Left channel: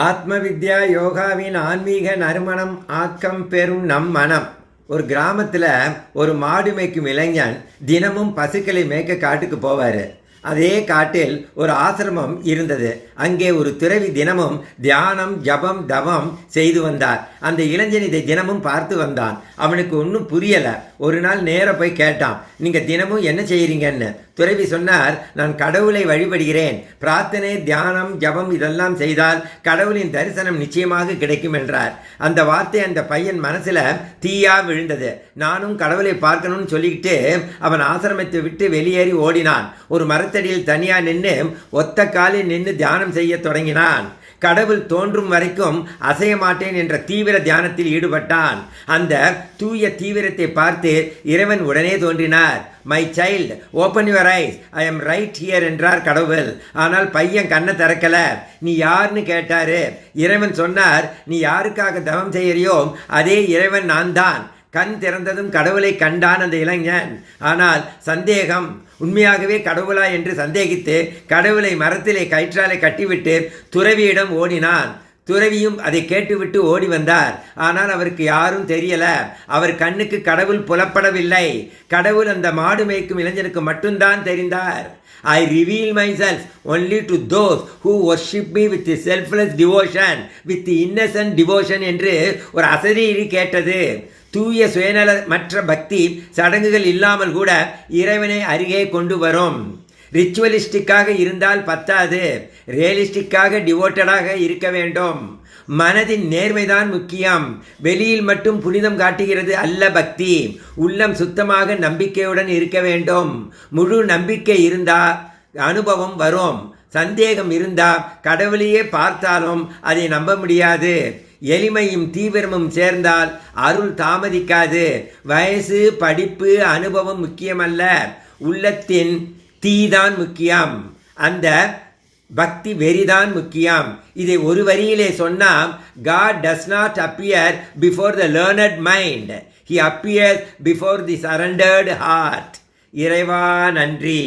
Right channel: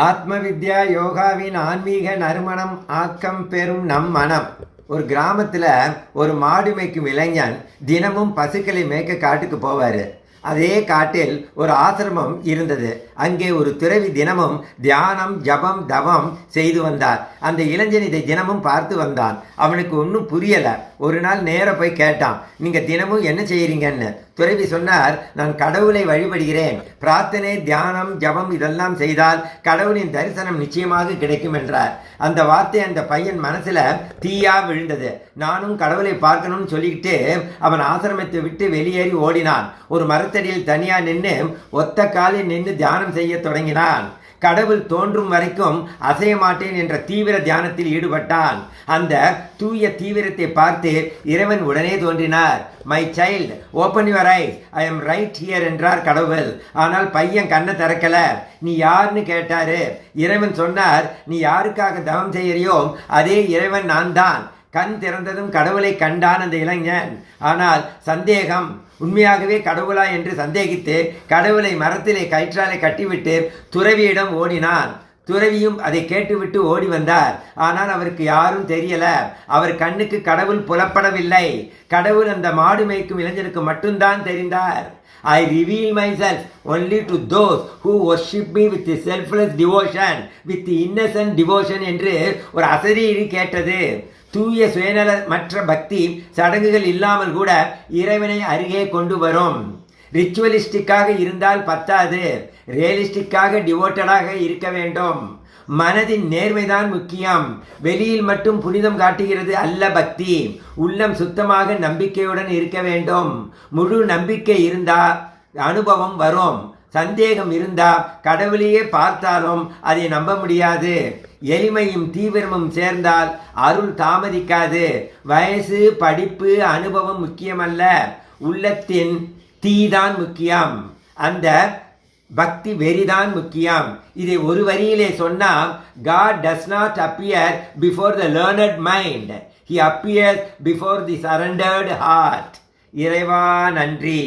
ஆத்ம வித்யா யோகாவின் ஆன்மீக நறுமணம் ஆக்கம் பெறும் நம் மனம். ஒரு கிராமத்தில் ஒரு மாடு மேய்க்கும் இளைஞன் தினமும் பசுக்களை மேய்க்க காட்டுக்கு போவார். அதே காட்டில் ஒரு ஆசிரமம் இருந்தது. அங்கே ஒரு துறவி தினமும் தியானம் ஜபம் தவம் செய்து வந்தார். அந்த இளைஞன் இதை தினமும் பார்த்து வந்தான். அவனுக்கு ஒன்றும் புரியலை. ஒரு நாள் நேராக போய் கேட்டான், நீங்கள் தினமும் என்ன செய்கிறீங்கன்னு. துறவி சொன்னார், நான் கடவுளை வழிபடுகிறேன். பிரார்த்தனை தியானம் ஜபம் இதெல்லாம் செய்தால் கடவுளின் தரிசனம் நிச்சயமாக கிடைக்கும் என்றார். அந்த வார்த்தை அந்த பையன் மனசில் தீயா விழுந்தது. நானும் கடவுளை பார்க்கணும்னு சொல்லிக்கிட்டு அவன் ஆசிரமத்தை விட்டு வெளியேறி ஓடினான். ஒரு மரத்தடியில் தனியாக நின்று ஒத்த காலில் நின்று தியானம் செய்ய தொடங்கினான். கடவுள் தோன்றும் வரைக்கும் அசைய மாட்டேன் என்ற தீவிர தியானத்தில் ஈடுபட்டான். அந்த தூய தீவிரத்தை பார்த்து இறைவன் உடனே தோன்றினார். My child, open your eyes, I am right here என்றார் கடவுள். ஆனால் பையன் கண்ணை திறக்கல. நீ யாருன்னு கேட்டாரு. இறைவன் சொன்னார், நீ யாருக்காக தவம் செய்யறியோ அதே இறைவன் நான் தான். கண் திறந்ததும் கடவுளை கண்டான் அந்த இளைஞன். ஆனால் சந்தேகம், உண்மையாகவே கடவுளா என்று சந்தேகித்து கடவுளை மரத்திலே கயிற்றாலை கட்டிவிட்டு துறவியிடம் ஓடினான். துறவியும் அதை கேட்டுவிட்டு ஓடி வந்தார். ஆனால் அவருக்கு யாரும் தெரியல. அவர் கண்ணுக்கு கடவுள் புலப்படவில்லை. கடவுள் அந்த மாடு மேய்க்கும் இளைஞனுக்கு மட்டும்தான் தெரிந்தார். I reveal myself only to those who worship me with selfless devotion, with innocent devotion என்று ஒரு அசரீரி கேட்டது. தூய சுயநல மற்ற பக்தி சடங்குகள் இல்லாமல் கூட இறைவனை அருகே கொண்டு வரும். ரிச்சுவலிஸ்டிக்காக இருந்தால் பத்தாது, ரியலிஸ்டிக்காக டிவோட்டடாக இருக்க வேண்டும். மனதின் நேர்மைதான் முக்கியம். வெளியில் மட்டும் புனிதம் காட்டுகிறது அல்ல பக்தி. உள்ளம் சுத்தமாக நம்பிக்கையுடன் இருக்க வேண்டும். முழு நம்பிக்கை இருந்தா அனுபவம் வரும். சந்தேகம் இருந்தா கடவுளையே பார்த்தாலும் அதை நம்ப முடியாது. எளிமையும் தீவிரமும் சேர்ந்தால் அருள் தாமதிக்காது. வயசு படிப்பு அனுபவம் முக்கியமல்ல, உள்ளத்தின் தீதான் முக்கியம். அந்த பக்தி வெறிதான் முக்கியம். இதை ஒரு வரியிலே சொன்னால், God does not appear before the learned mind. He appears before the surrendered heart. இறைவா நன்றி.